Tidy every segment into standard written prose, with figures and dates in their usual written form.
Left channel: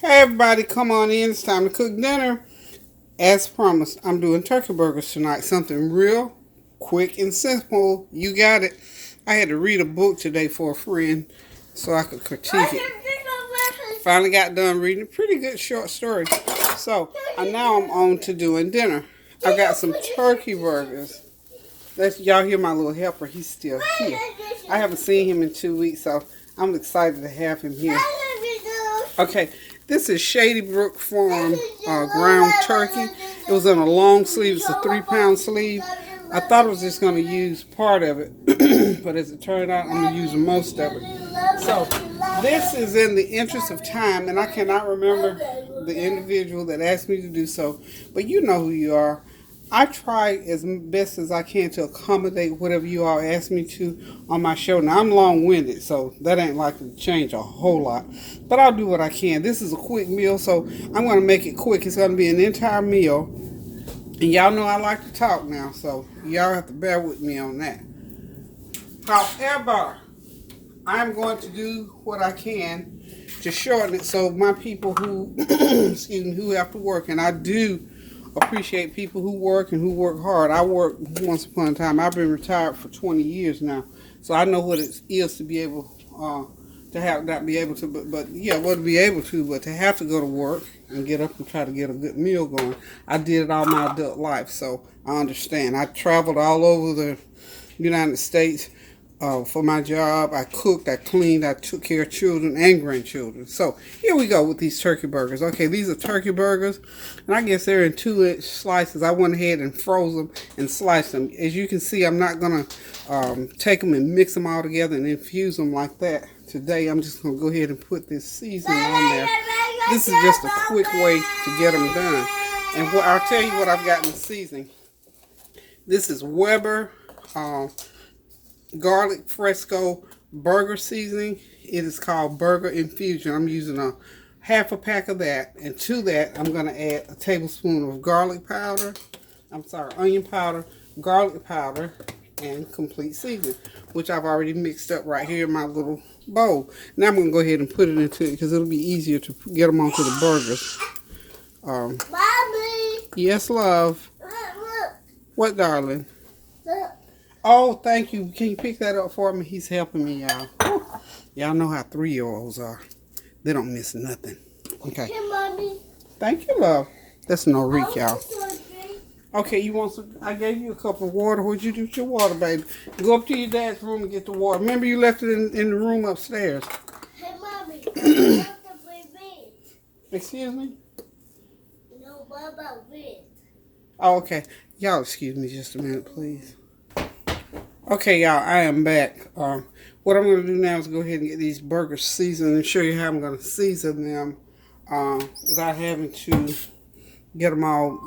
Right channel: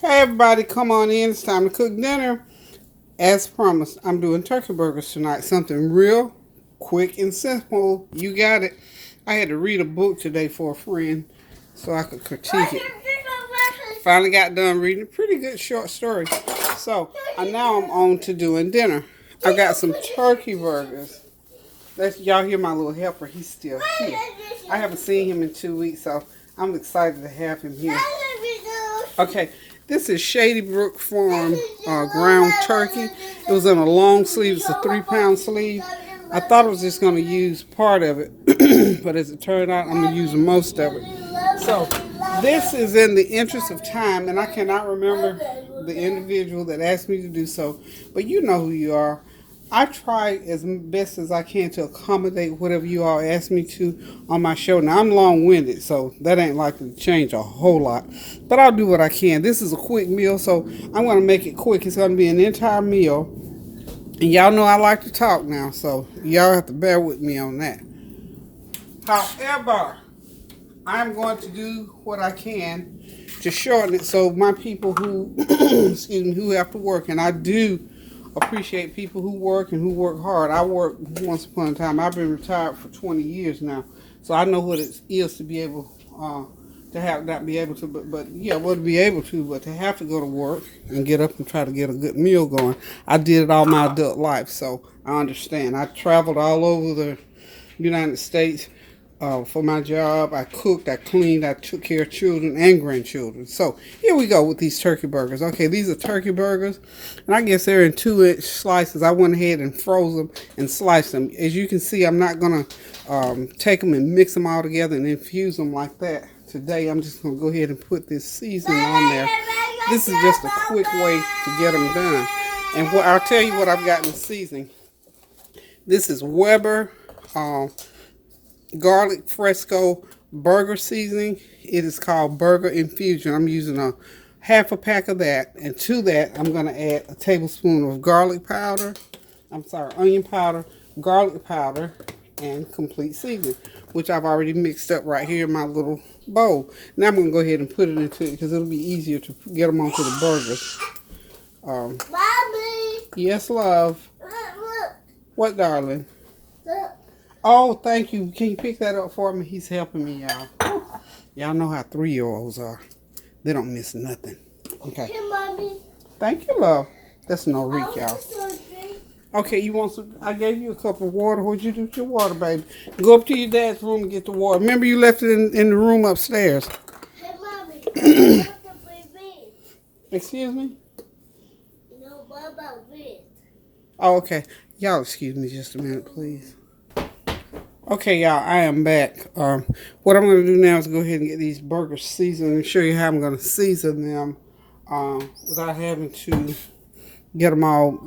Hey everybody, come on in. It's time to cook dinner. As promised, I'm doing turkey burgers tonight. Something real quick and simple. You got it. I had to read a book today for a friend so I could critique it. Finally got done reading a pretty good short story. So now I'm on to doing dinner. I got some turkey burgers. Y'all hear my little helper. He's still here. I haven't seen him in 2 weeks, so I'm excited to have him here. Okay, this is Shady Brook Farm ground turkey. It was in a long sleeve. It's a 3-pound sleeve. I thought I was just going to use part of it, but as it turned out, I'm going to use most of it. So this is in the interest of time, and I cannot remember the individual that asked me to do so, but you know who you are. I try as best as I can to accommodate whatever you all ask me to on my show. Now, I'm long-winded, so that ain't likely to change a whole lot. But I'll do what I can. This is a quick meal, so I'm going to make it quick. It's going to be an entire meal. And y'all know I like to talk now, so y'all have to bear with me on that. However, I'm going to do what I can to shorten it so my people who, excuse me, who have to work, and I do appreciate people who work and who work hard. I worked once upon a time. I've been retired for 20 years now, so I know what it is to be able to have not be able to, but yeah, well, to be able to, but to have to go to work and get up and try to get a good meal going. I did it all my adult life, so I understand. I traveled all over the United States for my job. I cooked, I cleaned, I took care of children and grandchildren. So here we go with these turkey burgers. Okay, these are turkey burgers, and I guess they're in 2-inch slices. I went ahead and froze them and sliced them. As you can see, I'm not going to take them and mix them all together and infuse them like that. Today, I'm just going to go ahead and put this seasoning on there. This is just a quick way to get them done. And I'll tell you what I've got in the seasoning. This is Weber garlic fresco burger seasoning. It is called Burger Infusion. I'm using a half a pack of that, and to that I'm going to add a tablespoon of garlic powder, onion powder, garlic powder, and complete seasoning, which I've already mixed up right here in my little bowl. Now I'm going to go ahead and put it into it because it'll be easier to get them onto the burgers. Mommy. Yes, love. Look. What, darling? Look. Oh, thank you. Can you pick that up for me? He's helping me, y'all. Y'all know how 3-year-olds are. They don't miss nothing. Okay. Hey, Mommy. Thank you, love. That's no reach, y'all. Okay, you want some? I gave you a cup of water. What'd you do with your water, baby? Go up to your dad's room and get the water. Remember, you left it in the room upstairs. Hey, Mommy. I have to play bed. Excuse me? No, what about bed? Oh, okay. Y'all excuse me just a minute, please. Okay, y'all, I am back. What I'm going to do now is go ahead and get these burgers seasoned and show you how I'm going to season them without having to get them all,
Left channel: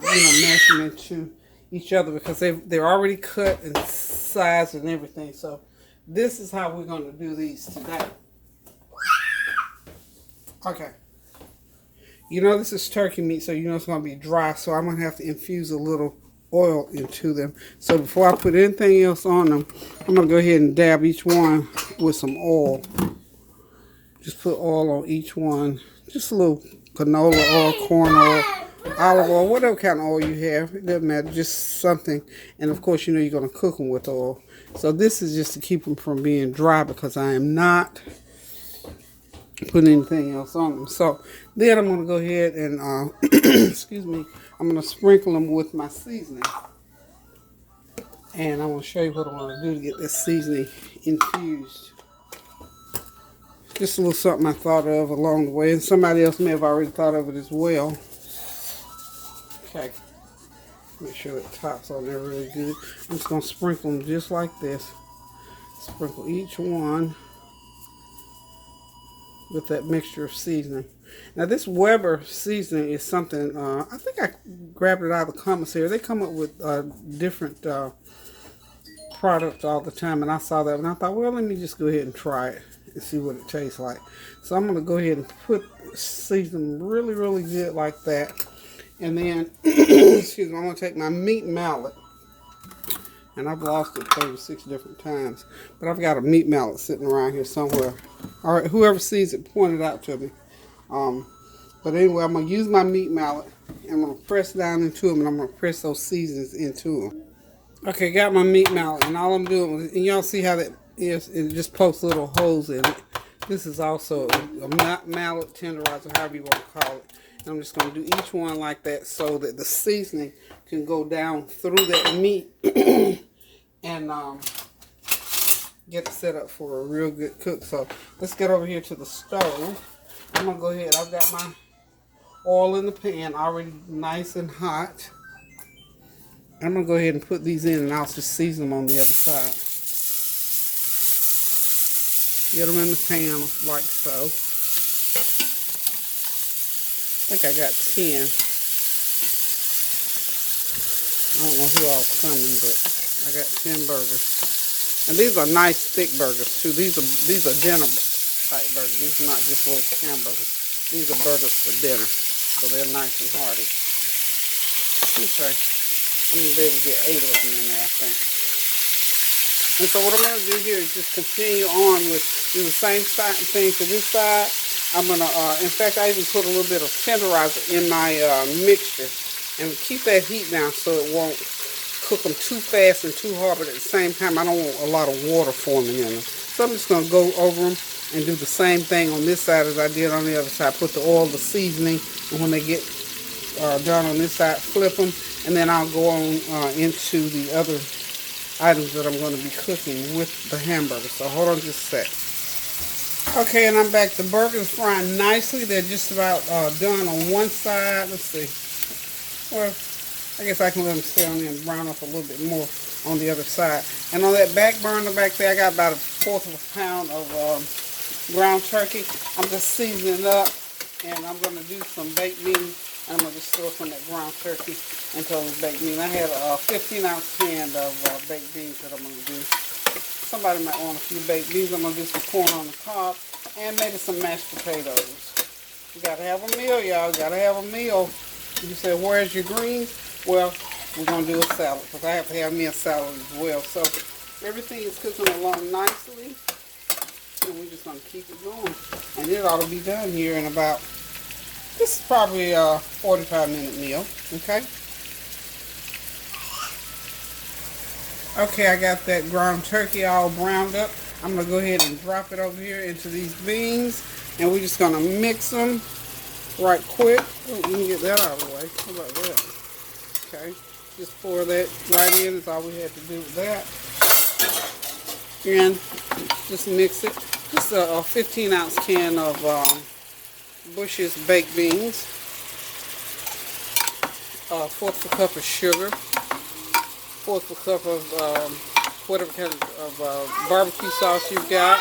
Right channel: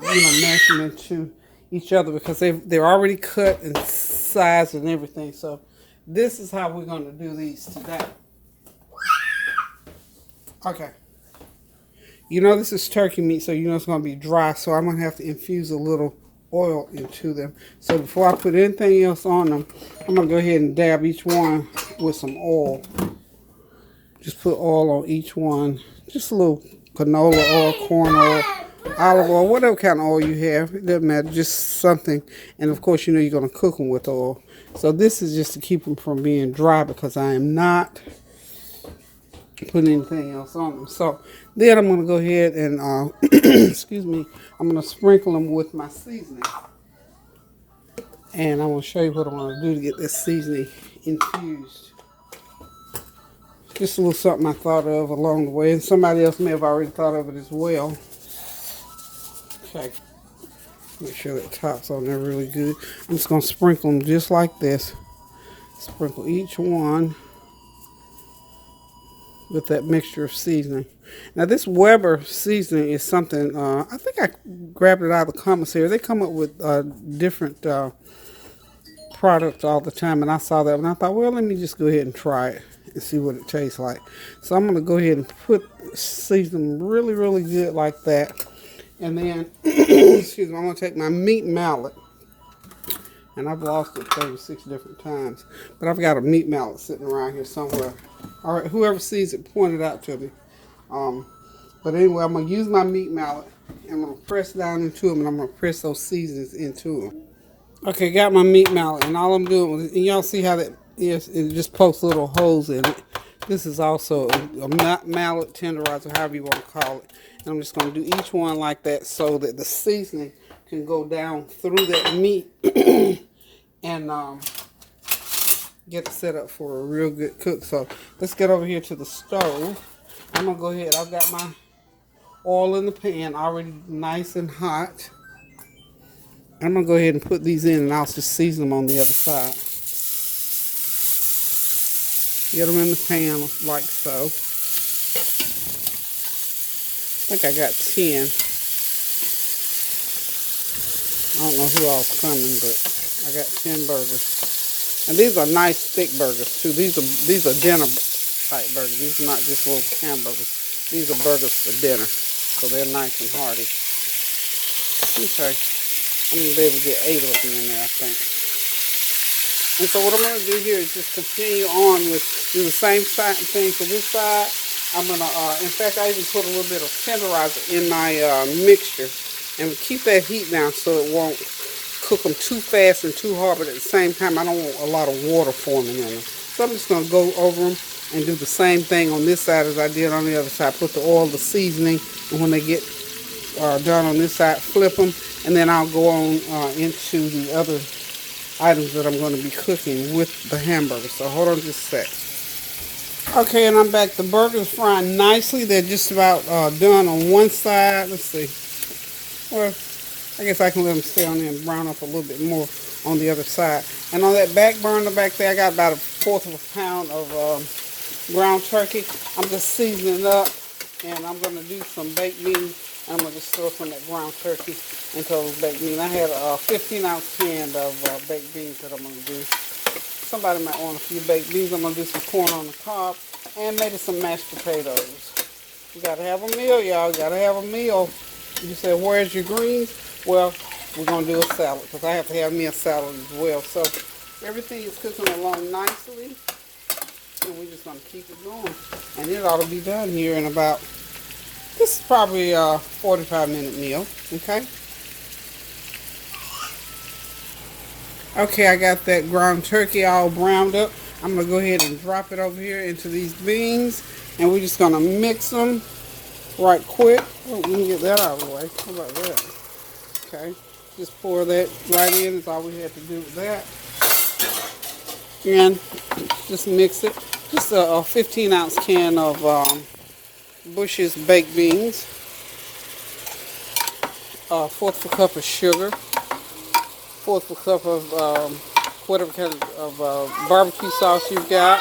mash them into each other because they're already cut and sized and everything. So this is how we're going to do these today. Okay. You know this is turkey meat, so you know it's going to be dry, so I'm going to have to infuse a little oil into them. So before I put anything else on them, I'm going to go ahead and dab each one with some oil. Just put oil on each one. Just a little canola oil, corn oil, olive oil, whatever kind of oil you have. It doesn't matter, just something. And of course, you know you're going to cook them with oil. So this is just to keep them from being dry because I am not putting anything else on them. So then I'm going to go ahead and, excuse me, I'm going to sprinkle them with my seasoning. And I'm going to show you what I'm going to do to get this seasoning infused. Just a little something I thought of along the way. And somebody else may have already thought of it as well. Okay. Make sure that top's on there really good. I'm just going to sprinkle them just like this. Sprinkle each one with that mixture of seasoning. Now this Weber seasoning is something, I think I grabbed it out of the commissary. They come up with different products all the time, and I saw that and I thought, well, let me just go ahead and try it and see what it tastes like. So I'm going to go ahead and season them really, really good like that. And then, excuse me, I'm going to take my meat mallet. And I've lost it 36 different times. But I've got a meat mallet sitting around here somewhere. All right, whoever sees it, point it out to me. But anyway, I'm going to use my meat mallet. I'm going to press down into them, and I'm going to press those seasonings into them. Okay, got my meat mallet, and all I'm doing, and y'all see how that is, it just pokes little holes in it. This is also a mallet tenderizer, however you want to call it. And I'm just going to do each one like that so that the seasoning can go down through that meat and get it set up for a real good cook. So let's get over here to the stove. I'm going to go ahead. I've got my oil in the pan already nice and hot. I'm going to go ahead and put these in, and I'll just season them on the other side. Get them in the pan like so. I think I got 10. I don't know who all's coming, but I got 10 burgers. And these are nice thick burgers too. These are dinner type burgers. These are not just little hamburgers. These are burgers for dinner. So they're nice and hearty. Okay. I'm going to be able to get 8 of them in there, I think. And so what I'm going to do here is just continue on with do the same thing to this side. I'm going to, in fact, I even put a little bit of tenderizer in my mixture. And keep that heat down so it won't cook them too fast and too hard. But at the same time, I don't want a lot of water forming in them. So I'm just going to go over them and do the same thing on this side as I did on the other side. Put the oil, the seasoning, and when they get done on this side, flip them. And then I'll go on into the other items that I'm going to be cooking with the hamburger. So hold on just a sec. Okay, and I'm back. The burgers frying nicely. They're just about done on one side. Let's see. Well, I guess I can let them stay on there and brown up a little bit more on the other side. And on that back burner back there, I got about 1/4 of a pound of ground turkey. I'm just seasoning it up, and I'm going to do some baked beans. I'm going to just throw some of that ground turkey into those baked beans. I had a 15-ounce can of baked beans that I'm going to do. Somebody might want a few baked beans. I'm going to do some corn on the cob and maybe some mashed potatoes. You got to have a meal, y'all. You got to have a meal. You say, where's your greens? Well, we're going to do a salad because I have to have me a salad as well. So everything is cooking along nicely. And we're just going to keep it going. And it ought to be done here in about, this is probably a 45-minute meal. Okay? Okay, I got that ground turkey all browned up. I'm going to go ahead and drop it over here into these beans. And we're just going to mix them right quick. Oh, let me get that out of the way. How about that? Okay. Just pour that right in. That's all we had to do with that. And just mix it. Just a 15-ounce can of Bush's baked beans. 1/4 a cup of sugar. 1/4 a cup of whatever kind of barbecue sauce you've got.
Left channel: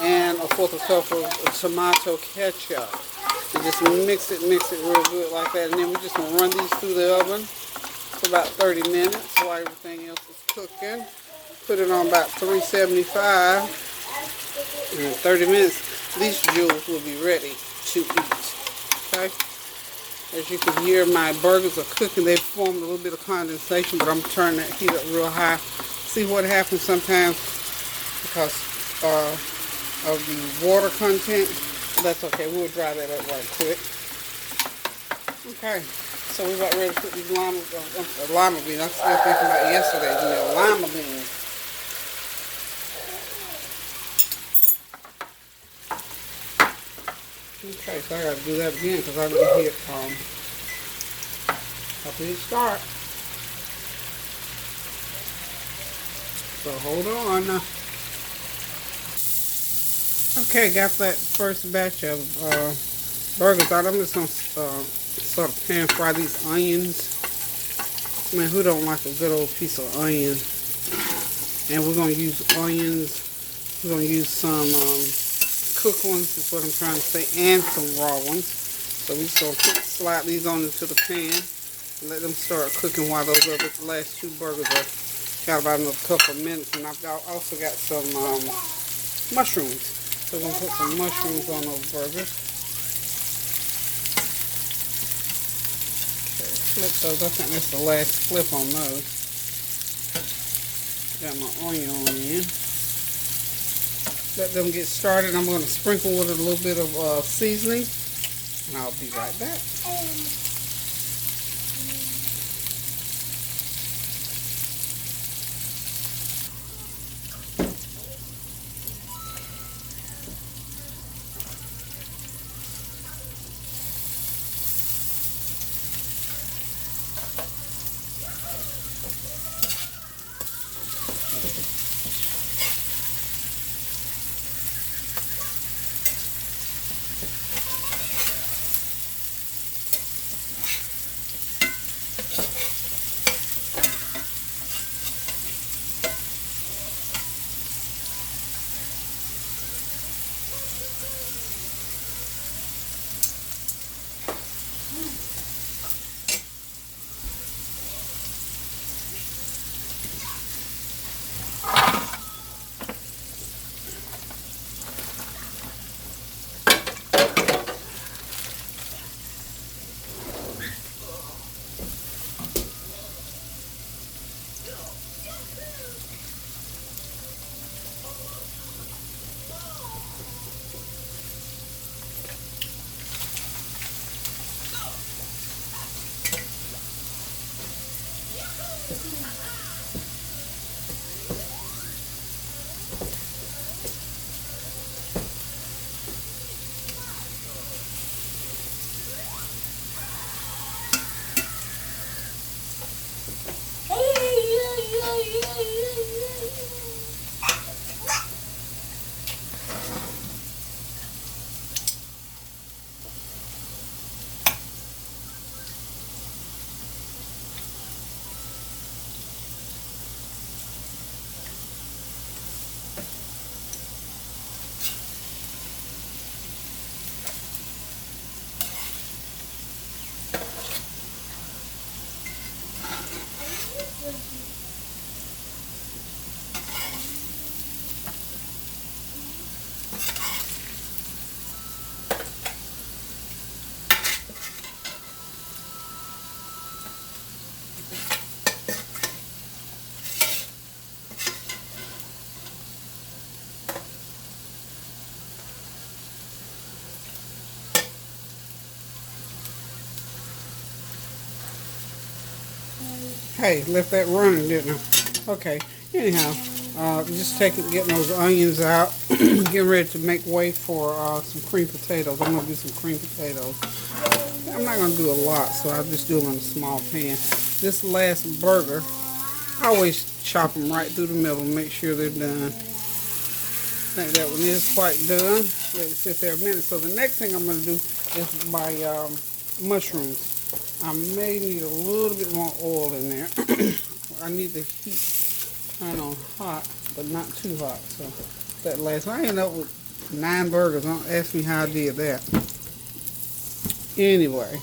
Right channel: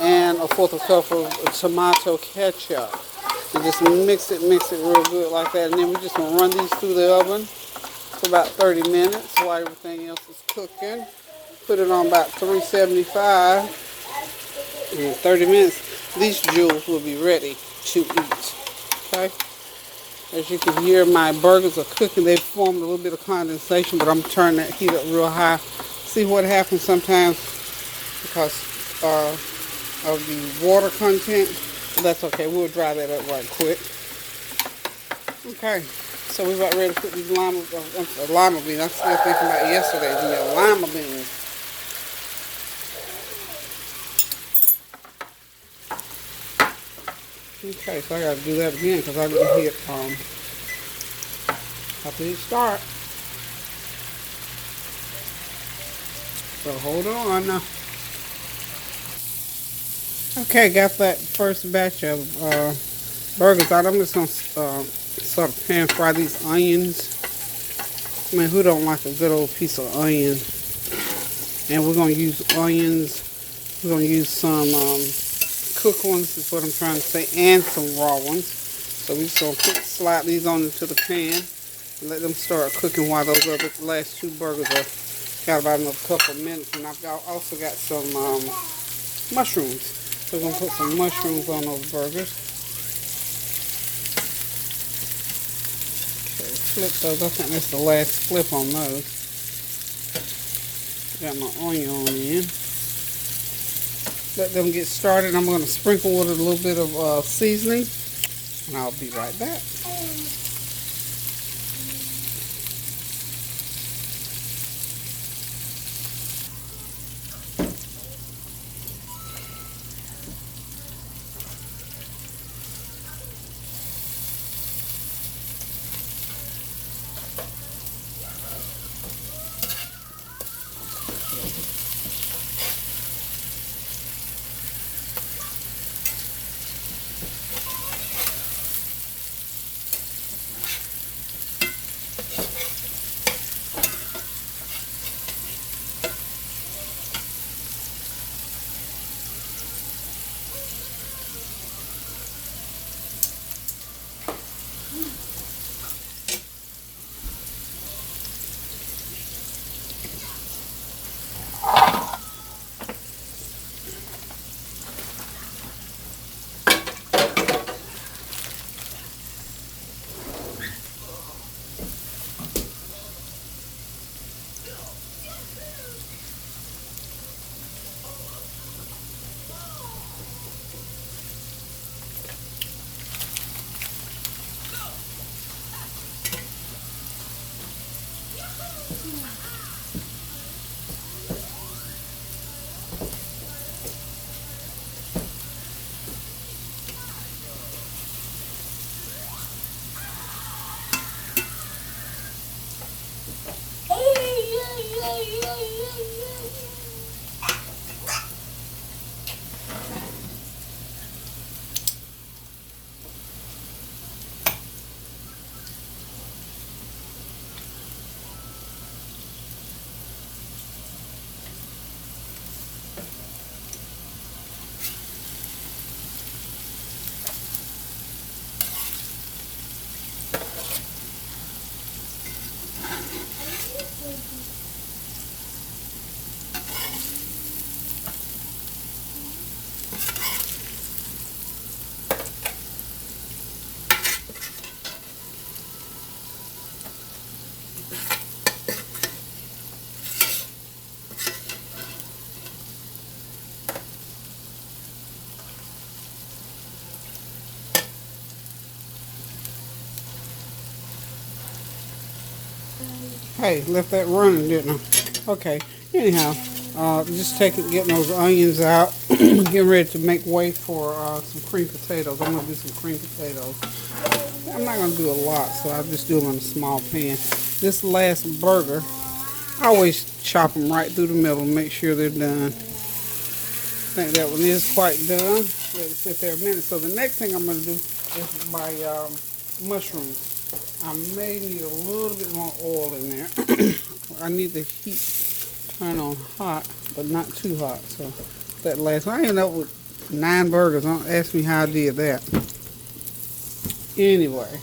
And 1/4 a cup of tomato ketchup. And just mix it real good like that. And then we're just going to run these through the oven for about 30 minutes while everything else is cooking. Put it on about 375. And in 30 minutes, these jewels will be ready to eat. Okay? As you can hear, my burgers are cooking. They've formed a little bit of condensation, but I'm turning that heat up real high. See what happens sometimes because of the water content. But that's okay. We'll dry that up right quick. Okay. So we got ready to put these lima beans. I'm still thinking about yesterday's lima beans. Okay, so I got to do that again because I didn't hit start. So hold on now. Okay, got that first batch of burgers out. I'm just going to sort of pan fry these onions. I mean, who don't like a good old piece of onion? And we're going to use onions. We're going to use some cooked ones, is what I'm trying to say, and some raw ones. So we're just going to slide these on into the pan and let them start cooking while those other last 2 burgers are got about another couple of minutes. And I've also got some mushrooms. So we're going to put some mushrooms on those burgers. So flip those. I think that's the last flip on those. Got my onion on in. Let them get started. I'm going to sprinkle with a little bit of seasoning. and I'll be right back. Hey, left that running, didn't I? Okay. Anyhow, just getting those onions out. Getting ready to make way for some cream potatoes. I'm gonna do some cream potatoes. I'm not gonna do a lot, so I'll just do them in a small pan. This last burger, I always chop them right through the middle, make sure they're done. I think that one is quite done. Let it sit there a minute. So the next thing I'm gonna do is my mushrooms. I may need a little bit more oil in there. I need the heat turn on hot, but not too hot. So that last one, I ended up with 9 burgers. Don't ask me how I did that. Anyway,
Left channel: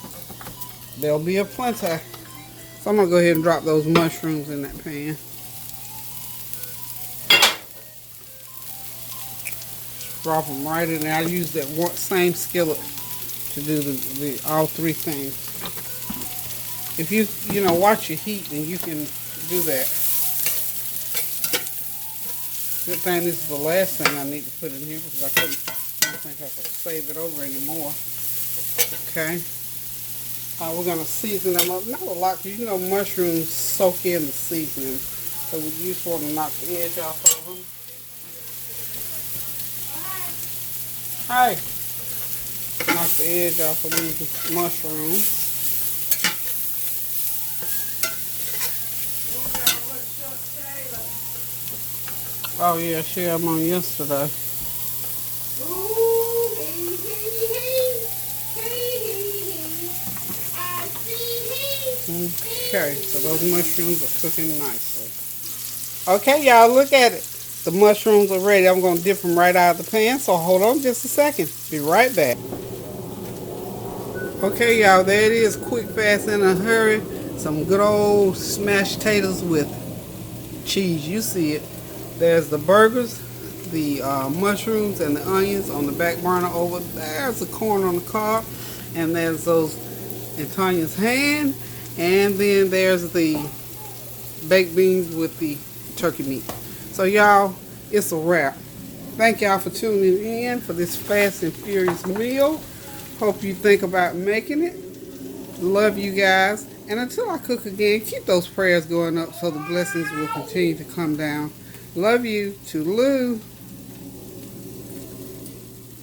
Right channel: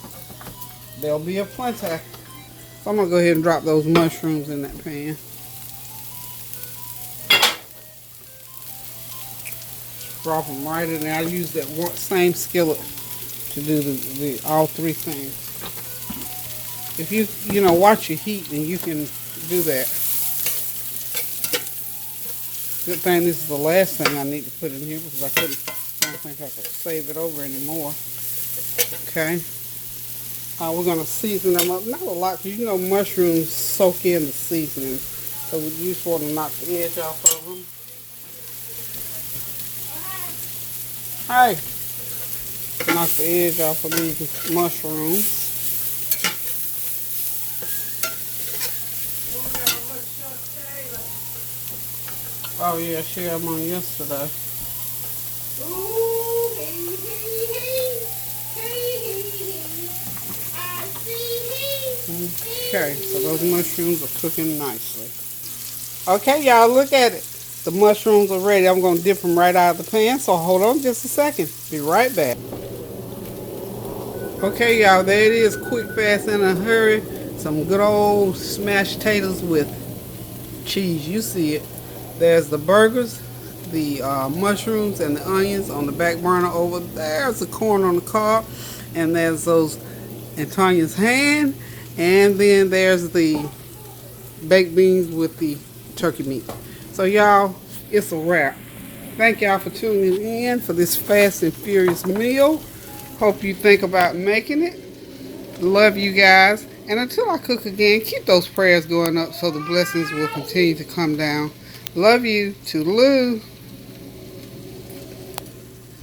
there'll be a plenty. So I'm gonna go ahead and drop those mushrooms in that pan. Drop them right in there. I use that same skillet to do the all 3 things. If you watch your heat, then you can do that. Good thing this is the last thing I need to put in here because I don't think I could save it over anymore. Okay. We're going to season them up. Not a lot because mushrooms soak in the seasoning. So we just want to knock the edge off of them. Hey. Knock the edge off of these mushrooms. Oh yeah, I shared them on yesterday. Okay, so those mushrooms are cooking nicely. Okay, y'all, look at it. The mushrooms are ready. I'm going to dip them right out of the pan, so hold on just a second. Be right back. Okay, y'all, there it is. Quick, fast, in a hurry. Some good old smashed potatoes with cheese. You see it. There's the burgers, the mushrooms, and the onions on the back burner over there's the corn on the cob, and there's those in Tanya's hand, and then there's the baked beans with the turkey meat. So y'all, it's a wrap. Thank y'all for tuning in for this fast and furious meal. Hope you think about making it. Love you guys. And until I cook again, keep those prayers going up so the blessings will continue to come down. Love you. Toodaloo.